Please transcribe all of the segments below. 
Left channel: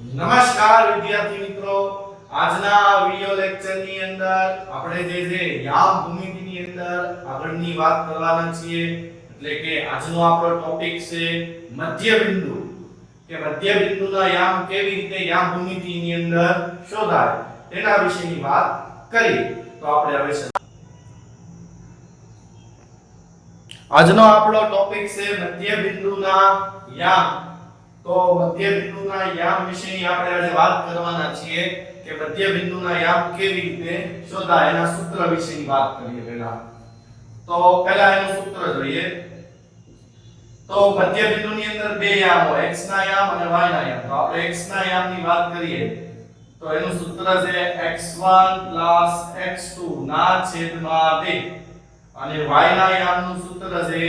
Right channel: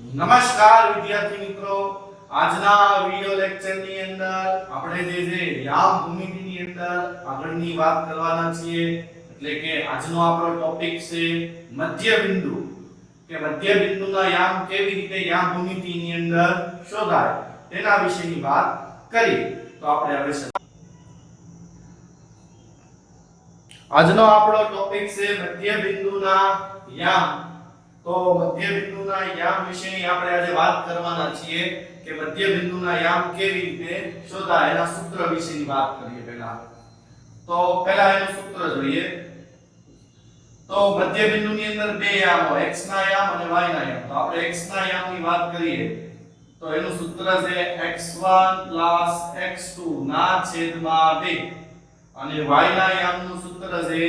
નમસ્કાર વિદ્યાર્થી મિત્રો, આજના વિડિયો લેક્ચરની અંદર આપણે જે યામ ભૂમિતિની અંદર આગળની વાત કરવાના છીએ. એટલે કે આજનો આપણો ટોપિક છે મધ્ય બિંદુ. કે મધ્ય બિંદુના યામ કેવી રીતે યામ ભૂમિતિની અંદર શોધાય તેના વિશેની વાત કરીએ. તો આપણે હવે આજનો આપણો ટોપિક છે મધ્ય બિંદુના યામ. તો મધ્ય બિંદુના યામ વિશેની આપણે આજે વાત કરવાના છીએ કે મધ્ય બિંદુના યામ કેવી રીતે શોધાય એના સૂત્ર વિશેની વાત કરીએ પહેલા. તો પહેલા એનું સૂત્ર જોઈએ. તો મધ્ય બિંદુની અંદર બે યામ હોય, x ના યામ અને y ના યામ. તો આપણે x ના યામની વાત કરીએ તો એનું સૂત્ર છે x1 x2 ના છેદમાં 2 અને y ના યામનું સૂત્ર છે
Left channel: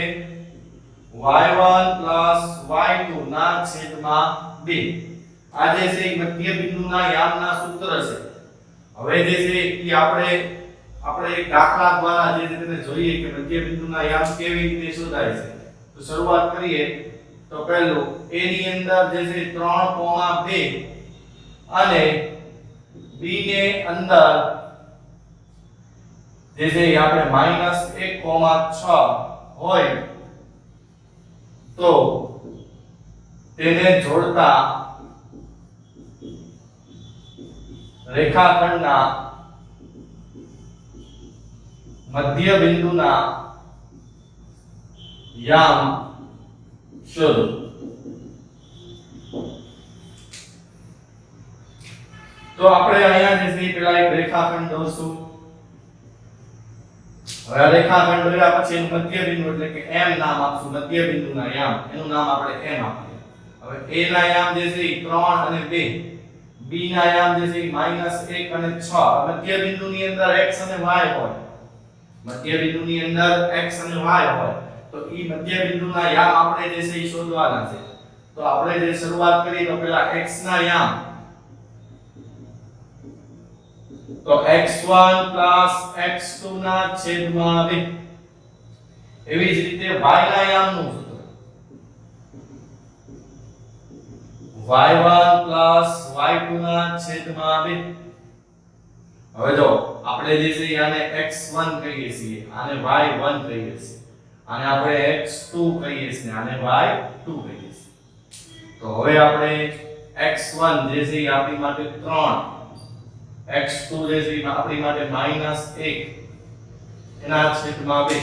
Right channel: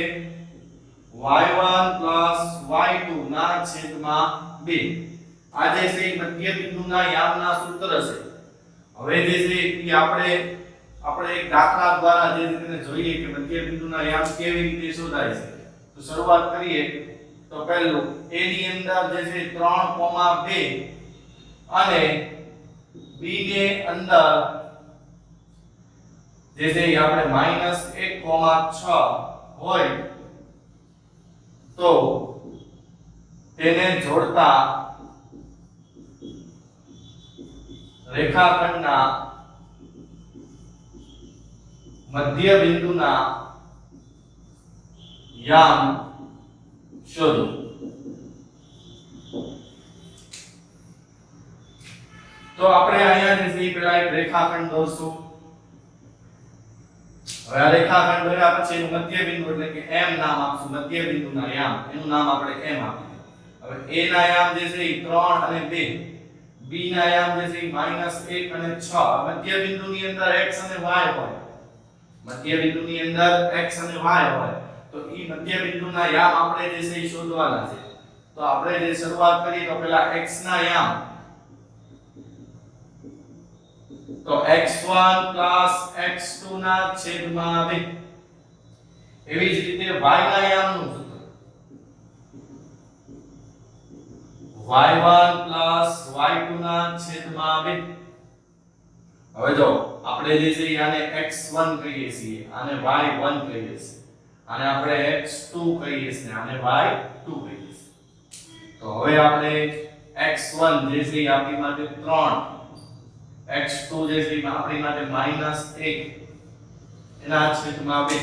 y1 y2 ના છેદમાં 2. આ જે છે મધ્ય બિંદુના યામના સૂત્ર છે. હવે જે છે એ આપણે એક દાખલા દ્વારા જે રીતે જોઈએ કે મધ્ય બિંદુના યામ કેવી રીતે શોધાય છે. તો શરૂઆત કરીએ તો પહેલું a ની અંદર જે છે 3,2 અને b ની અંદર જે છે આપણે -1,6 હોય તો તેને જોડતા રેખાખંડના મધ્ય બિંદુના યામ શોધો. તો આપણે અહીંયા જે છે પેલા એક રેખાખંડ દોરશું. હવે આ રેખાખંડ દોર્યા પછી એનું મધ્ય બિંદુ એટલે કે m નામ આપશું. મધ્ય બિંદુના યામ એનું નામ આપણે m આપીએ. હવે a ના યામ જે છે 3 અને 2, b ના યામ જે છે -1 અને 6. મધ્ય બિંદુની અંદર x અને y હોય. મધ્ય બિંદુની અંદર x અને y હોય તો ઈ મધ્ય બિંદુના યામ આપણે જે છે ઈ શોધવાના છે. તો આપણે જે શરૂઆત કરીએ તો પહેલા x ના યામ તો x1 x2 ના છેદમાં 2. એવી જ રીતે y ના યામનું સૂત્ર y1 y2 ના છેદમાં 2. હવે જો આપણે જે છે આને x1 કહીએ છીએ, આને y1 કહીએ છીએ, આને આપણે x2 કહીએ છીએ, આને y2 કહીએ છીએ. તો હવે આપણે x1 જે છે આપણી માટે 3, x2 જે છે આપણી માટે -1 એના છેદમાં 2.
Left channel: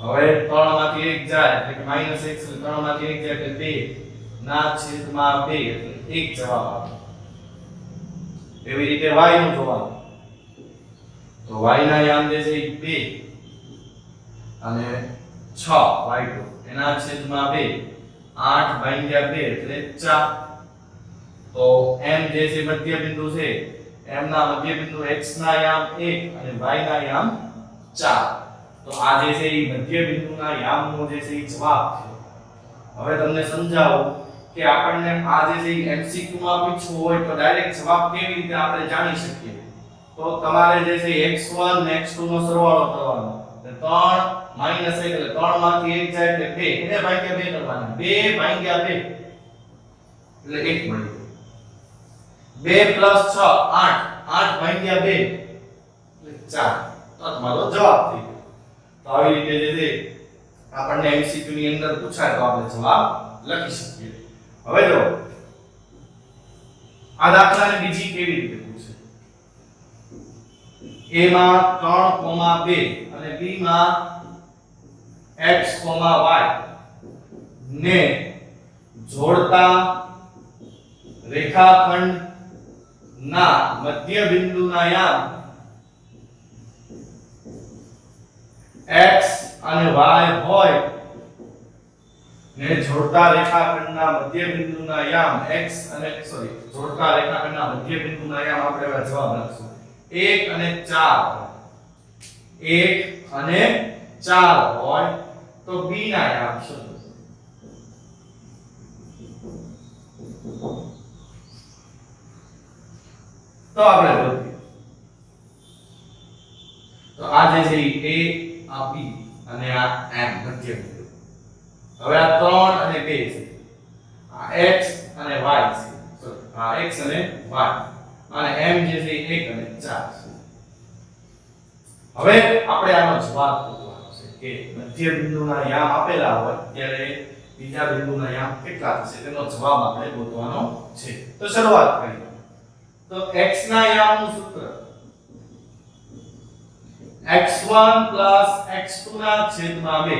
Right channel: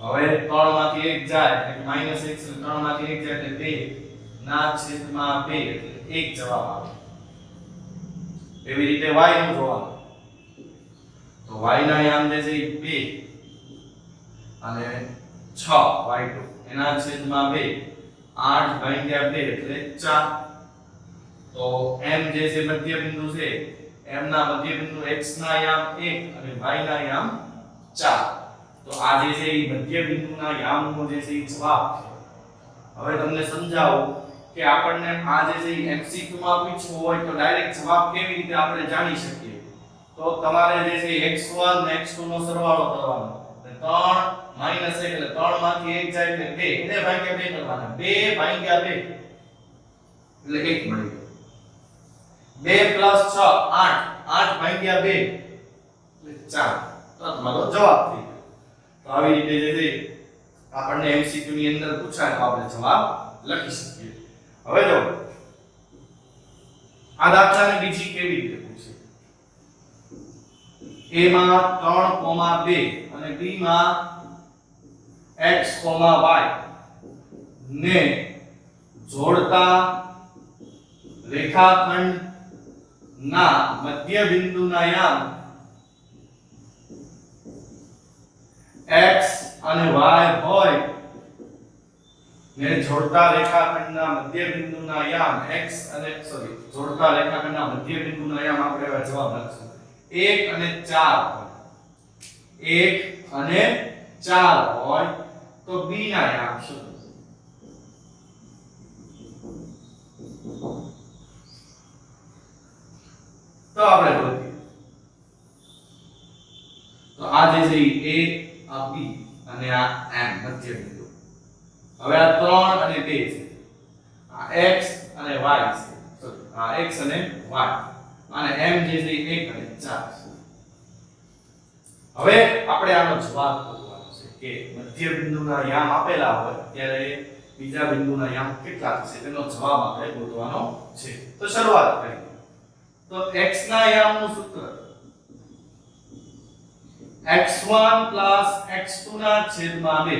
હવે 3 માંથી 1 જાય એટલે કે -1 એટલે 3 માંથી 1 જાય એટલે 2 ના છેદમાં 2 એટલે 1 જવાબ આવે. એવી રીતે y નું જોવાનું. તો y ના યામ જે છે 2 અને 6 y2 એના છેદમાં 2 8 ભાગ્યા 2 એટલે 4. તો m જે છે મધ્ય બિંદુ છે, m ના મધ્ય બિંદુ x ના યામ 1 અને y ના યામ 4. તો આ જે છે એ મધ્ય બિંદુના યામનો જે છે એ જવાબ છે. હવે તમને સમજાવો કે આપણને આ જે છે MCQ માં પૂછવું હોય તો ડાયરેક્ટ જવાબ કેવી રીતે આપણે જાણી શકીએ. તો તમારે જે છે x1 ને x2 નો સરવાળો કરવાનો. 3 -1 એટલે 3 માંથી 1 જાય એટલે 2 એને ભાગ્યા 2 કરવાના. 2 ભાગ્યા 2 એટલે 1 મળી ગયું. 2 + 6 8 8 ભાગ્યા 2 એટલે 4. તો તમારો જવાબ થઈ ગયો. તો આવી રીતે જે છે આપણને MCQ ની અંદર પૂછાય તો આપણે જવાબ લખી શકીએ. હવે જો આ દાખલાને બીજી કેવી રીતે પૂછે. a માં 3,2 અને b માં x, y ને જોડતા રેખાખંડ ના મધ્ય બિંદુના યામ x અને y હોય ને જોડતા રેખાખંડના મધ્ય બિંદુના યામ જોડતા રેખાખંડના મધ્ય બિંદુના યામ આપણે હવે જવાબ લખશું 1 અને 4. 1 અને 4 હોય તો b ના યામ શોધો. તો આપણે ગોતીએ. તો આ જે છે a, આ b અને આ m મધ્ય બિંદુ. હવે આ 3 અને 2 છે. આ x અને y છે. આ x અને y અને m જે છે 1 અને 4 હવે આપણે આનો જવાબ શોધવાનો છે કે મધ્ય બિંદુના યામ આપેલા હોય ત્યારે બીજા બિંદુના યામ કેટલા થશે તેનો જવાબ આપણે ગોતવાનો છે તો શરૂઆત કરીએ તો x ના યામનું સૂત્ર x1 x2 ના છેદમાં 2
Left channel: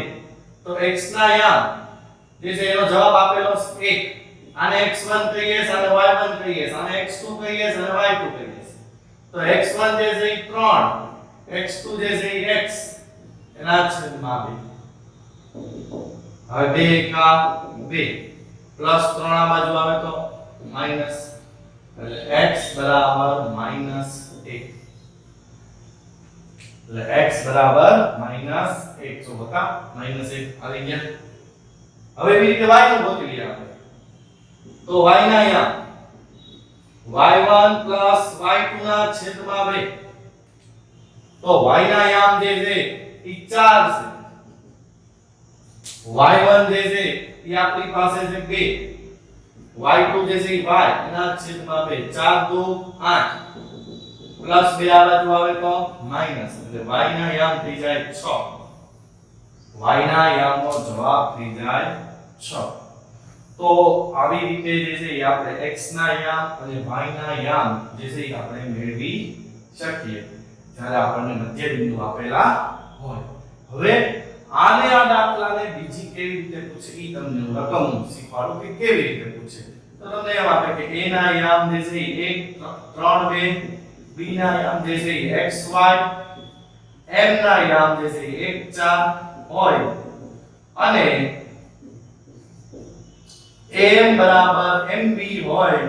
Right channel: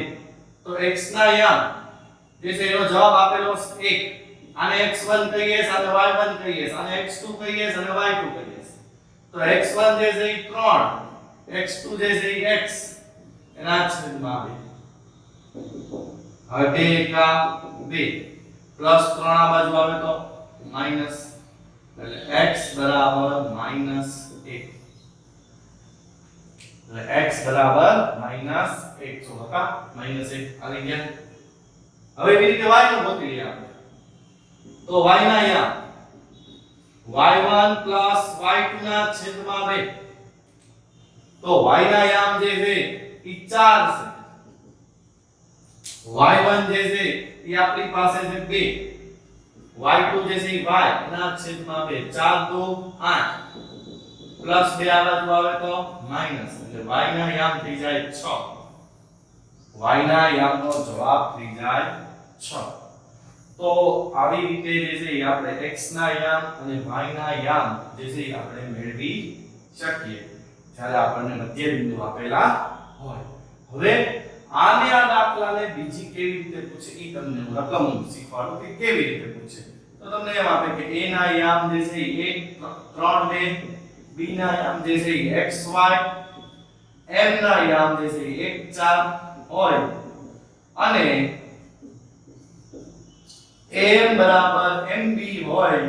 તો x ના યામ જે છે એનો જવાબ આપેલો છે 1 આને x1 કહીએ અને y1 કહીએ અને x2 કહીએ અને y2 કહીએ તો x1 જે છે એ 3 x2 જે છે એ x એના છેદમાં 2 હવે 2 એકા 2 પ્લસ 3 આ બાજુ આવે તો માઈનસ એટલે x બરાબર -1 એટલે x બરાબર -1 જો હતા -1 આવી ગયા હવે એવી રીતે y નું ગોતી લઈએ આપણે તો y ના યામ y1 y2 ના છેદમાં 2 તો y ના યામ જે છે એ 4 છે y1 જે છે એ આપણી પાસે છે 2 y2 જે છે y ના છેદમાં 2 4 2 8 પ્લસ 2 આ બાજુ આવે તો માઈનસ એટલે y ના યામ થઈ જાય 6 y ના યામનો જવાબ થઈ જાય 6 તો આવી રીતે જે છે એ આપણે x ના યામ અને y ના યામ જે છે એ આપણે મેળવી શકીએ જ્યારે આપણને મધ્ય બિંદુ આપેલા હોય હવે આને આ દાખલાને બીજી કેવી રીતે પૂછે ઈ તમને હું રકમ શીખવાડું કે કેવી રીતે પૂછે તો તમને એમ આપે કે a ના યામ જે છે એ 1 3 2 b ના યામ જે છે એ xy m ના યામ જે છે એ 1 4 હોય અને am બરાબર mb હોય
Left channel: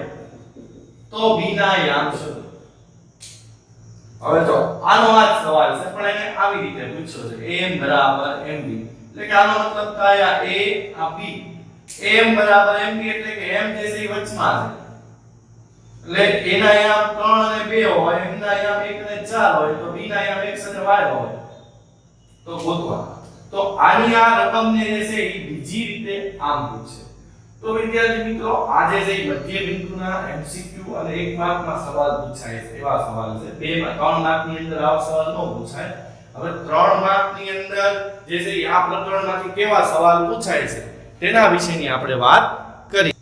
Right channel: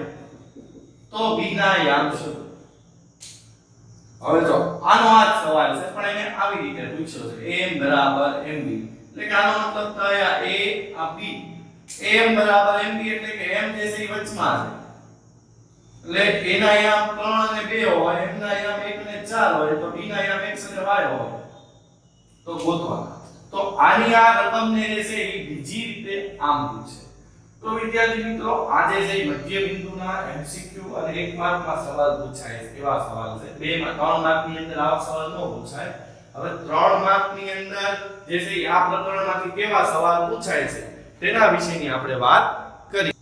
તો b ના યામ શોધો હવે જો આનો આ સવાલ છે પણ એને આવી રીતે પૂછ્યો છે am બરાબર mb એટલે કે આનો મતલબ થાય આ a આ b am બરાબર mb એટલે કે m જે છે એ વચમાં છે એટલે a ના યામ 3 અને 2 હોય m ના યામ 1 અને 4 હોય તો b ના યામ x અને y હોય તો ગોતવાના તો આની આ રકમને જે છે એ બીજી રીતે આમ પૂછે તો વિદ્યાર્થી મિત્રો આજે જે મધ્ય બિંદુના MCQ અને 1 માર્કમાં સવાલ પૂછાય છે એવા સવાલ છે 2 માં 3 માર્કની અંદર આવા સવાલ ન પૂછાય હવે 3 માર્કની અંદર જે છે આ પ્રકરણમાંથી કેવા સવાલ પૂછાય છે તેના વિશેની આપણે વાત કરી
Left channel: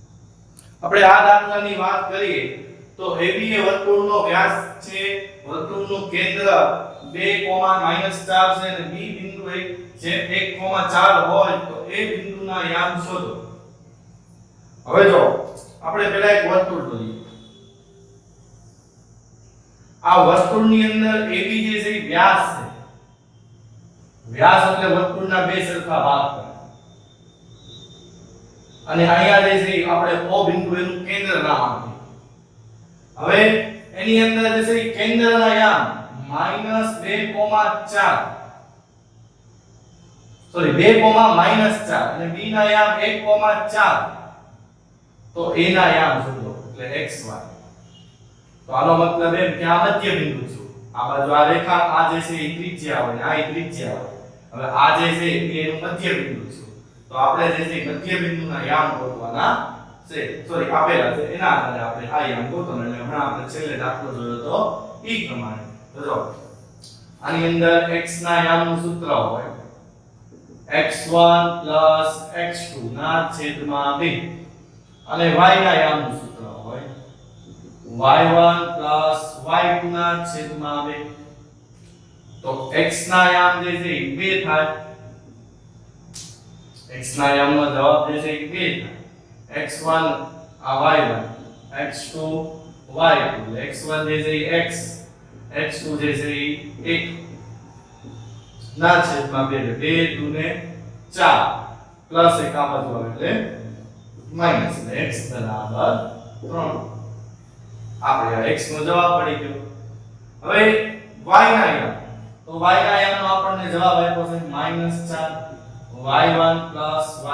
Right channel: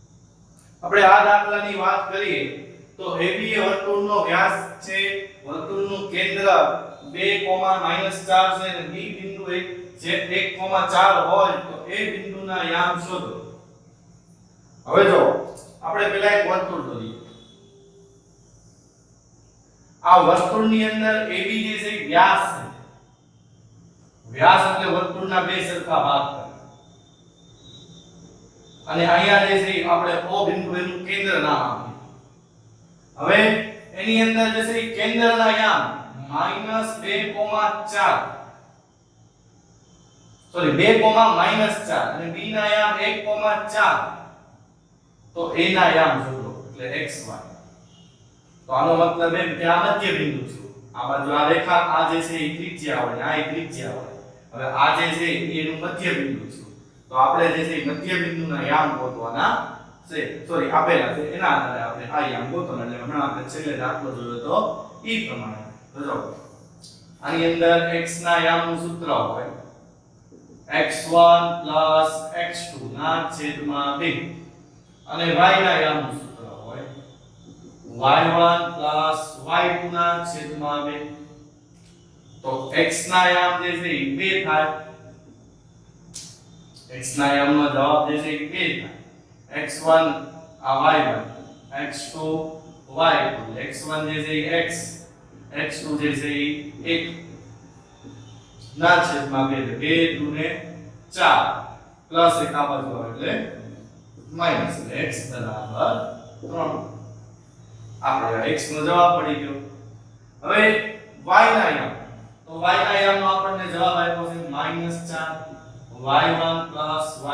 આપણે આ દાખલાની વાત કરીએ તો AB એ વર્તુળનો વ્યાસ છે વર્તુળનું કેન્દ્ર 2, -4 છે અને B બિંદુ જે 1, 4 હોય તો એ બિંદુના યામ શોધો હવે જો આપણે પહેલા એક વર્તુળ દોરીએ આ વર્તુળની અંદર AB જે છે વ્યાસ છે વ્યાસ એટલે વર્તુળના બે સરખા ભાગ કરે અને અહીંયા જે છે આપણે O બિંદુ એનું કેન્દ્ર નામ આપીએ હવે એની અંદર જે છે કેન્દ્રના યામ -2, 4 અને B ના યામ 1, 4 તો a ના યામ શોધો એટલે xy તો આનો મતલબ એમ કે આ મધ્ય બિંદુ છે આ બાજુ આ રેખા આ જે છે એ ત્રિજ્યા હોય આ એ ત્રિજ્યા હોય હવે આ જે છે એ એનું મધ્ય બિંદુ છે તો આપણે જે છે મધ્ય બિંદુના યામ ગોતવાના છે સોરી આપેલા છે એના આધારે આપણે આ યામ ગોતવાના એટલે હમણાં આપણે છેલ્લે દાખલો જોયો તો એ પ્રમાણે તો જો આની અંદર x ના યામનું સૂત્ર હોય x1 x2 ના છેદમાં 2 અને y ના યામનું સૂત્ર હોય y1 y2 ના છેદમાં 2 તો x ના યામ જે છે એ 2 થાય x ના યામનો જવાબ જે છે એ 2 થાય x1 આ y1 x2 y2 x1 જે છે એ x x2 જે છે એ 1 ના છેદમાં 2 2 2 ને 4 પ્લસ 1 આ બાજુ આવે એટલે માઈનસ x બરાબર 3 આપણે x નો જવાબ પડી ગયો હવે y ના યામ તો y ના યામનો આપણને જવાબ આપ્યો છે -4 y1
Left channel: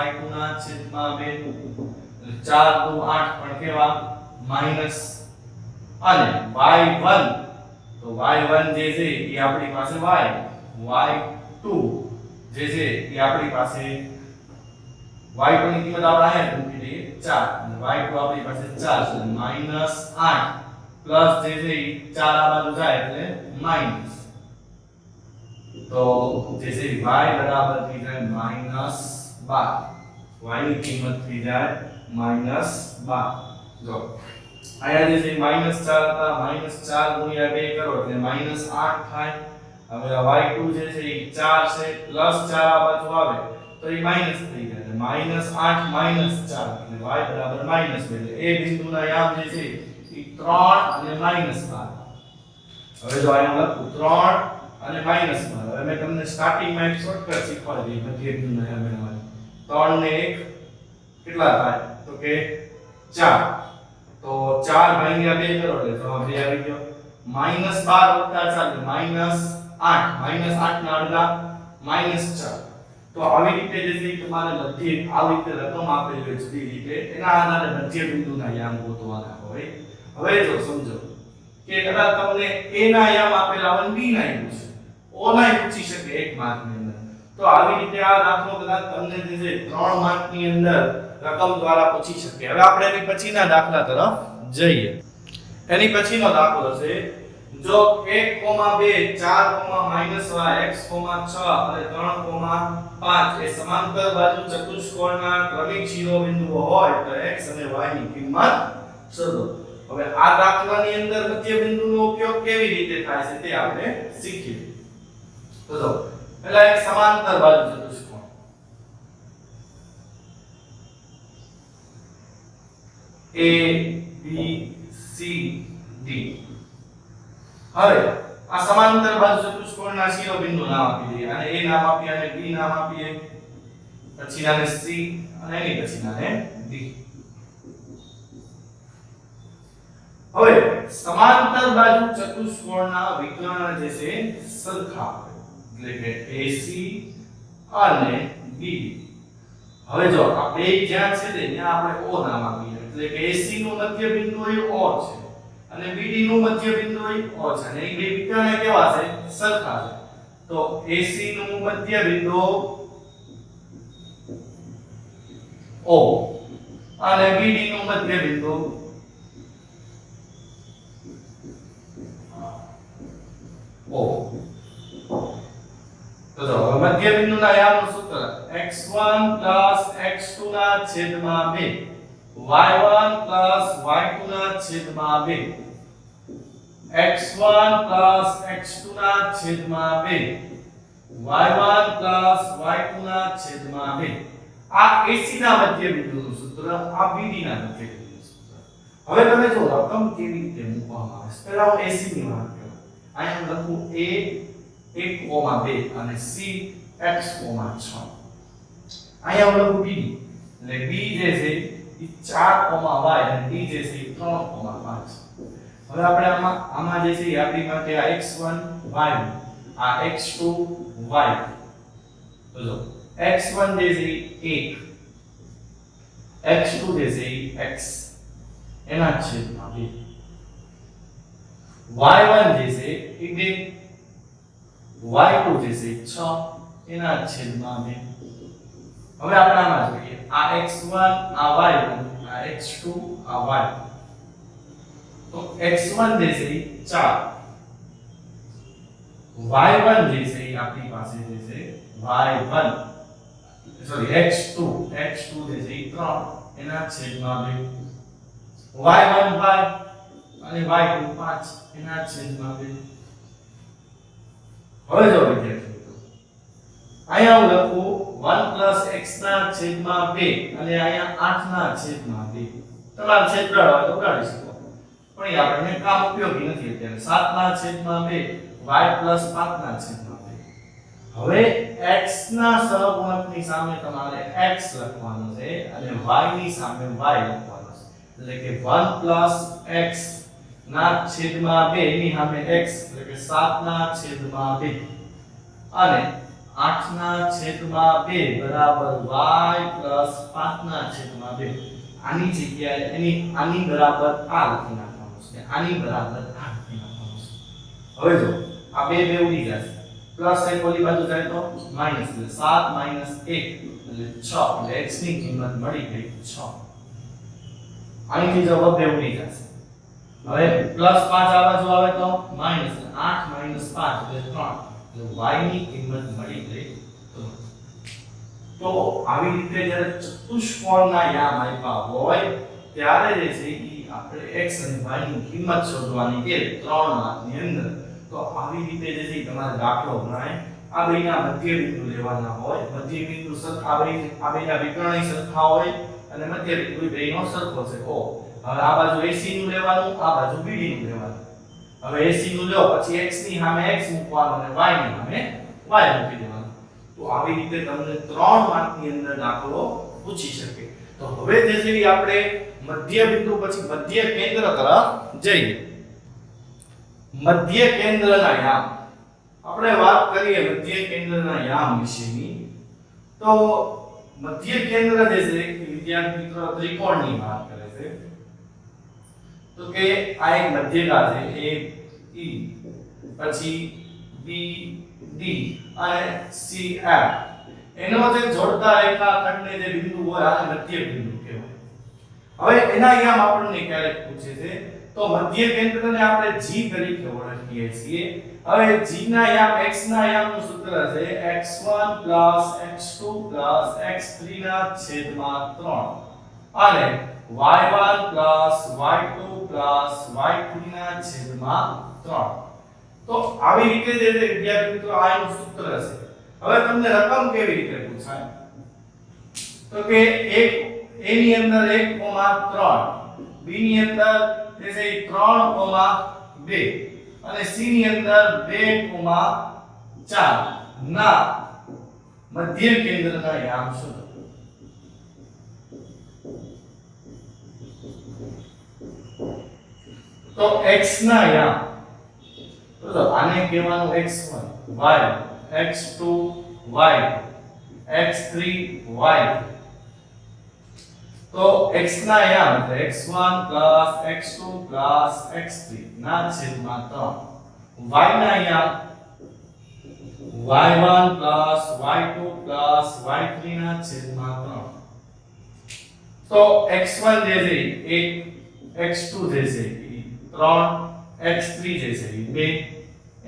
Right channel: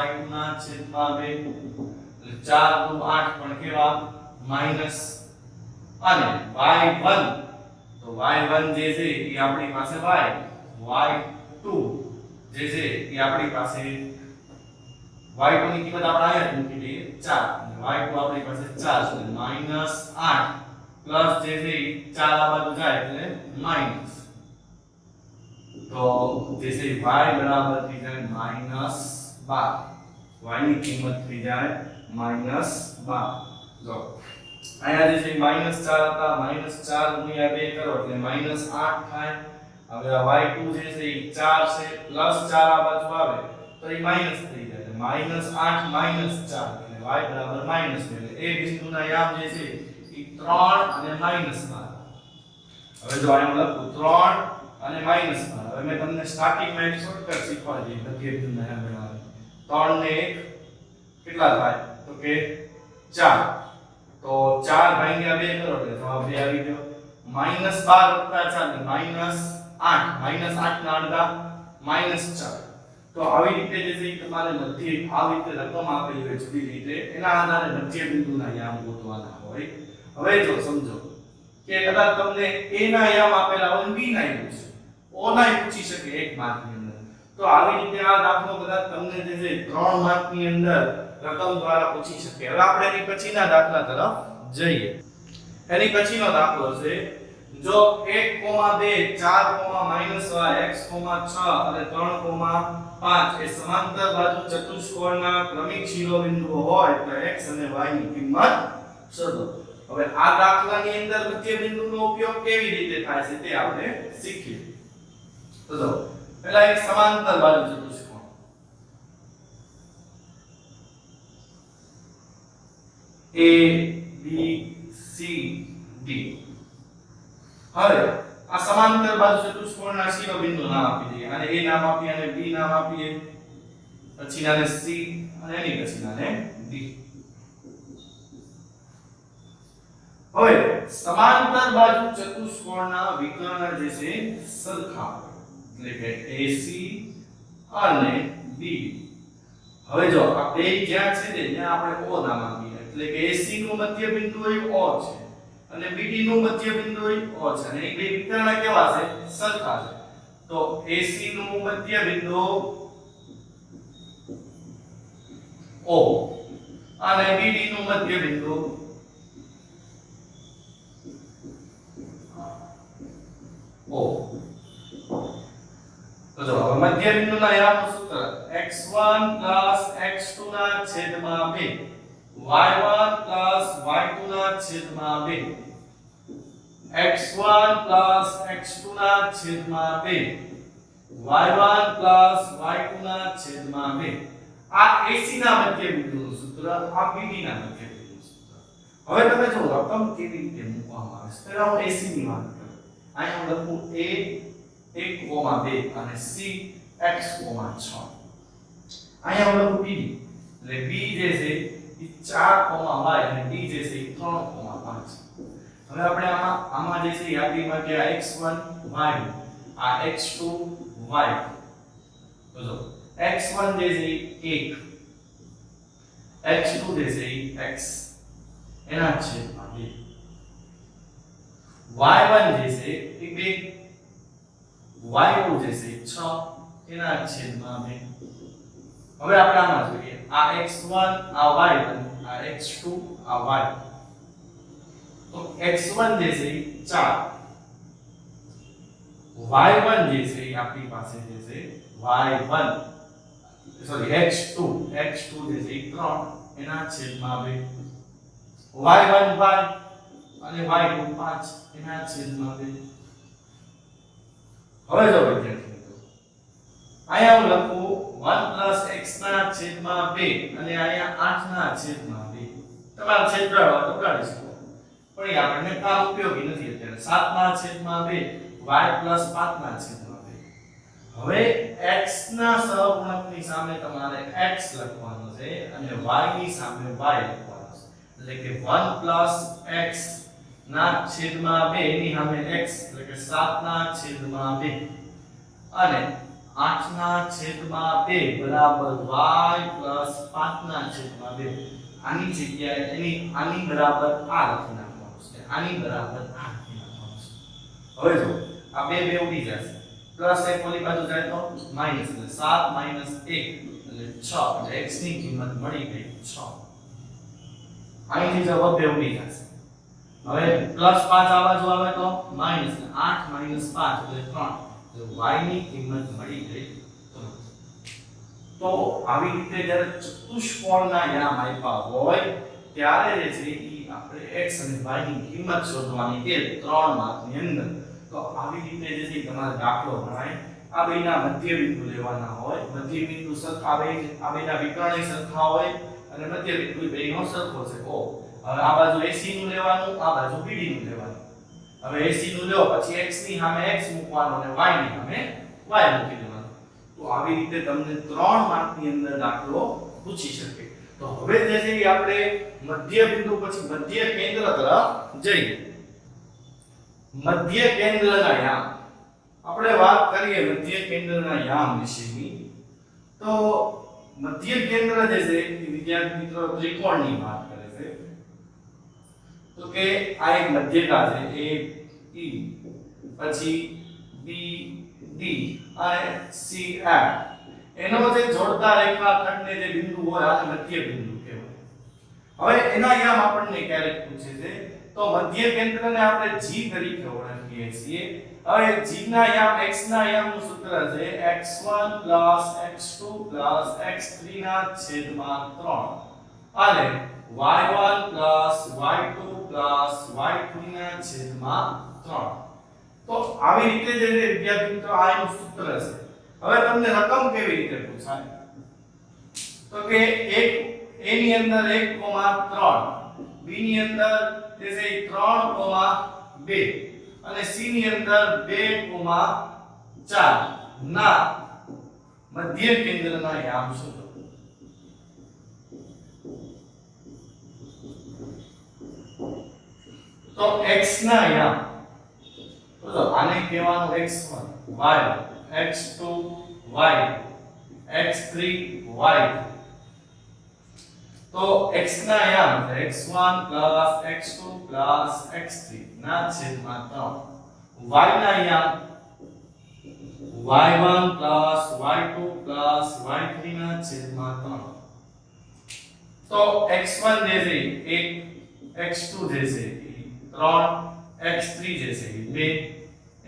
y2 ના છેદમાં 2 4 2 8 પણ કેવા માઈનસ અને y1 તો y1 જે છે એ આપણી પાસે y y2 જે છે એ આપણી પાસે y2 ની કિંમત આપણે અહીંયા મૂકી દઈએ 4 અને y2 આપણી પાસે 4 છે -8 પ્લસ જે છે 4 આ બાજુ જાય એટલે માઈનસ, તો જે છે y બરાબર થઈ જાય -12, y ની કિંમત થઈ જાય -12. જો આયા જે છે -4 હતા, -4 ગુણ્યા 2 કરો એટલે -8 થાય. હવે y2 જે છે એ 4 છે પ્લસ 4 આ બાજુ આવે તો એ માઈનસ થઈ જાય એટલે -8 -4 એટલે y બરાબર -2 એટલે એ બિંદુના યામ જે છે એ 3 અને -12. હવે જો આમ લખું 3 અને -12. હવે મેં તમને સ્ટાર્ટિંગમાં એક શોર્ટકટ શીખવાડી દીધી મધ્ય બિંદુના યામ બનાવવાની. 3 ને 1 કેટલા થાય તો કે 4, તો 4 ભાગ્યા 2 કરો એટલે જવાબ 2 આવી ગયો. -12 + 4 એટલે -8, -8 ના અડધા -4. તો આવી રીતે જે છે તમારે મધ્ય આવી રીતે રકમ આપેલી હોય જુદી રીતે એના આધારે મધ્ય બિંદુના યામ ગોતવાના હોય. હવે જો સમજો કે કદાચ તમને a ના યામ આપેલા હોય b ના યામ છે, o ના પૂછી શકે 1 માર્કની અંદર, તો આવી રીતે આ દાખલો કદાચ તમને જે છે 3 માર્કની અંદર રકમ દ્વારા પૂછી શકે. હવે આપણે એની પછીના દાખલા તરફ જઈએ. એની પછીનો દાખલો છે જો 1, 2, 4, x, 6 અને 3, 5 એ સમાંતર બાજુ ચતુષ્કોણના ક્રમિક શિરોબિંદુઓ હોય તો x અને y ની કિંમત શોધો. હવે આ દાખલાની અંદર મધ્ય બિંદુનો ઉપયોગ કેવી રીતે થાય છે તે આપણે શીખીએ. તો જો પહેલા એક સમાંતર બાજુ ચતુષ્કોણ A B C D. હવે આ સમાંતર બાજુ ચતુષ્કોણના શિરોબિંદુ નામ આપી દઈએ. આને A નામ આપીએ, આને B નામ આપીએ, પછી આને C અને એની પછી આને D. હવે સમાંતર બાજુ ચતુષ્કોણના વિકર્ણ જે છે સરખા એટલે કે AC અને B. હવે જો આ બે જ્યાં છે ને ત્યાં આપણે O નામ આપીએ એટલે કે AC નું મધ્ય બિંદુ એ O છે અને BD નું મધ્ય બિંદુ એ O છે અને એ બે વિકર્ણ કેવા છે સરખા છે. તો AC નું મધ્ય બિંદુ O અને BD નું મધ્ય બિંદુ O. તો જો મધ્ય બિંદુના યામનું સૂત્ર x1 x2 ના છેદમાં 2 y1 y2 ના છેદમાં 2 x1 x2 ના છેદમાં 2 y1 y2 ના છેદમાં 2. આ AC ના મધ્ય બિંદુનું સૂત્ર, આ BD ના મધ્ય બિંદુનું સૂત્ર. હવે તમે જો રકમ કેવી રીતે મૂકવામાં આવે છે. પહેલા હું AC ની વાત કરું. અહીંયા હું લખું A 1,2 અને C x,6. અહીંયા હું લખું BD એટલે B જે છે એ 4,y અને D જે છે એ 3,5. હવે આપણે આમાં જે છે એ આપણી માટે આ x1 y આ x2 y. તો જો x1 જે છે એ 1, x2 જે છે એ x એના છેદમાં 2, y1 જે છે એ 2, y2 જે છે 6 એના છેદમાં 2. હવે આપણે આમાં જોઈએ આ x1 આ y1 આ x2 આ y. તો x1 જે છે એ 4, y1 જે છે એ આપણી પાસે જે છે y1 સોરી x2 જે છે એ 3 એના છેદમાં 2, y1 y અને y2 5 એના છેદમાં 2. હવે જો વિદ્યાર્થી મિત્રો અહીંયા હું લખું 1 x ના છેદમાં 2 અને અહીંયા 8 ના છેદમાં 2. તમારા છેદ ઉડાડવા તો ઉડાડી શકો પણ એ આપણને કામ ઉપયોગી નથી અત્યારે. 7 ના છેદમાં 2 y 5 ના છેદમાં 2. હવે x ના સહગુણકની સામે તમારે x લખવાનો છે અને y ની સામે y લખવાનો છે. એટલે કે 1 x ના છેદમાં 2 ની સામે x એટલે કે 7 ના છેદમાં 2 અને 8 ના છેદમાં 2 બરાબર y 5 ના છેદમાં 2. આની જગ્યાએ આની બરાબર આ લખી નાખવાનું છે, આની બરાબર આ લખી નાખવાનું છે. હવે જો આ બે ઉડી જશે, પ્લસ એક ઓલી બાજુ જાય તો માઈનસ, એટલે 7 - 1 એટલે 6 એટલે x ની કિંમત મળી ગઈ 6. અહીંથી જવાબ બે ઉડી જશે. હવે +5 આ બાજુ આવે તો માઈનસ 8 - 5 એટલે 3. એટલે y ની કિંમત મળી ગઈ. તો આવી રીતે જ્યારે ચતુષ્કોણના યામ આપ્યા હોય ત્યારે જે છે ઈ આપણે x અને y ની કિંમત શોધવાની છે 3 માર્કની અંદર. તો આવી રીતે જે છે તમારે દાખલો ગણાય. આ બેના મધ્ય બિંદુ લેવાના હોય. મધ્ય બિંદુ સરખા આ બેના વિકર્ણ સરખા હોય અને મધ્ય બિંદુ બેનો સરખો છે. ઓ હવે આ બાજુ AC નું લેવાનું, આ બાજુ BD નું લેવાનું. હવે AC નું લ્યો પછી x ની સામે x મૂકવાનું અને y ની સામે y મૂકી દેવાનું. તો આવી રીતે તમને 3 માર્કની અંદર દાખલો પૂછી શકે. તો હવે જે છે ઈ આપણે મધ્ય બિંદુ પછી મધ્ય કેન્દ્ર તરફ જઈએ. મધ્ય કેન્દ્રના યામ આપણે વાત કરીએ મધ્ય કેન્દ્રના યામ વિશેની. તો મધ્ય કેન્દ્ર જે છે એ વિદ્યાર્થી મિત્રો ત્રિકોણની વાત કરે છે. તો કે આ એક મધ્યકા છે A E પછી B D અને C F. એનો મતલબ જોડતા રેખાખંડને જે બિંદુ હોય આ મધ્ય બિંદુ કહેવાય. હવે એના યામ આપણને ક્યારેક પૂછે છે તો મધ્ય કેન્દ્રને આપણે G તરીકે ઓળખીએ છીએ. હવે G ના યામ x ના યામનું સૂત્ર છે x1 x2 x3 ના છેદમાં 3 અને y1 y2 y3 ના છેદમાં 3. તો આવી રીતે જે વિદ્યાર્થી મિત્રો આ એનું સૂત્ર છે. હવે તમને રકમ કેવી રીતે પૂછાય તો કે એક a ની અંદર 1,3 b ની અંદર જે છે 3,2 અને c ની અંદર 2,4 ના મધ્ય કેન્દ્રના યામ શોધો. તો x ના યામ તો આને કહેવાનું x1 y x2 y x3 y. તો x ના યામ એટલે x1 x2 x3 ના છેદમાં 3. y ના યામ y1 y2 y3 ના છેદમાં 3. તો x1 જે છે 1 x2 જે છે 3 x3 જે છે 2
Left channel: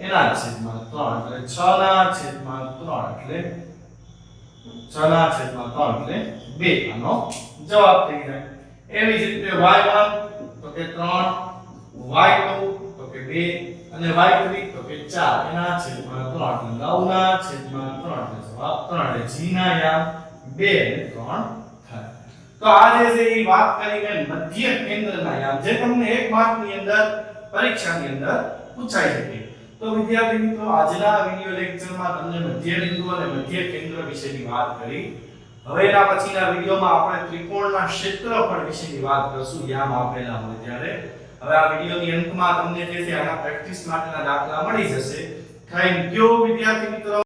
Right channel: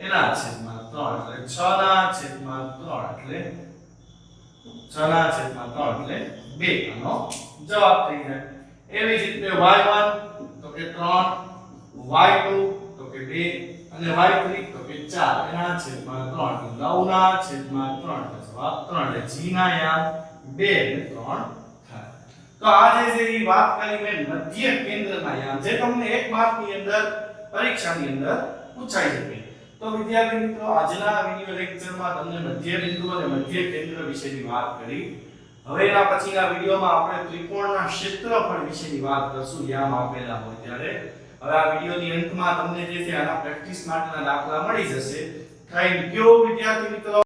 એના છેદમાં 3 એટલે 6 ના છેદમાં 3 એટલે 6 ના છેદમાં 3 એટલે 2 આનો જવાબ થઈ જાય. એવી જ રીતે y1 તો કે 3 y2 તો કે 2 અને y3 તો કે 4 એના છેદમાં 3 એટલે 9 ના છેદમાં 3 એટલે જવાબ 3 એટલે g ના યામ 2 અને 3 થાય. તો આ જે છે એ વાત કરી મેં મધ્ય કેન્દ્રના યામ જે તમને 1 માર્કની અંદર પરીક્ષાની અંદર પૂછાઈ શકે. તો વિદ્યાર્થી મિત્રો આજના વિડિયો લેક્ચરમાં તમને મધ્ય બિંદુ અને મધ્ય કેન્દ્ર વિશેની વાત કરી. હવે એના પછીના વિડિયોમાં આપણે ત્રિકોણના ક્ષેત્રફળ વિશેની વાત કરશું યામ આપેલા હોય ત્યારે. હવે આ વિડિયોની અંતમાં તમને જે છે આના પ્રેક્ટિસ માટેના દાખલા મળી જશે. થેન્ક યુ વિદ્યાર્થી મિત્રો.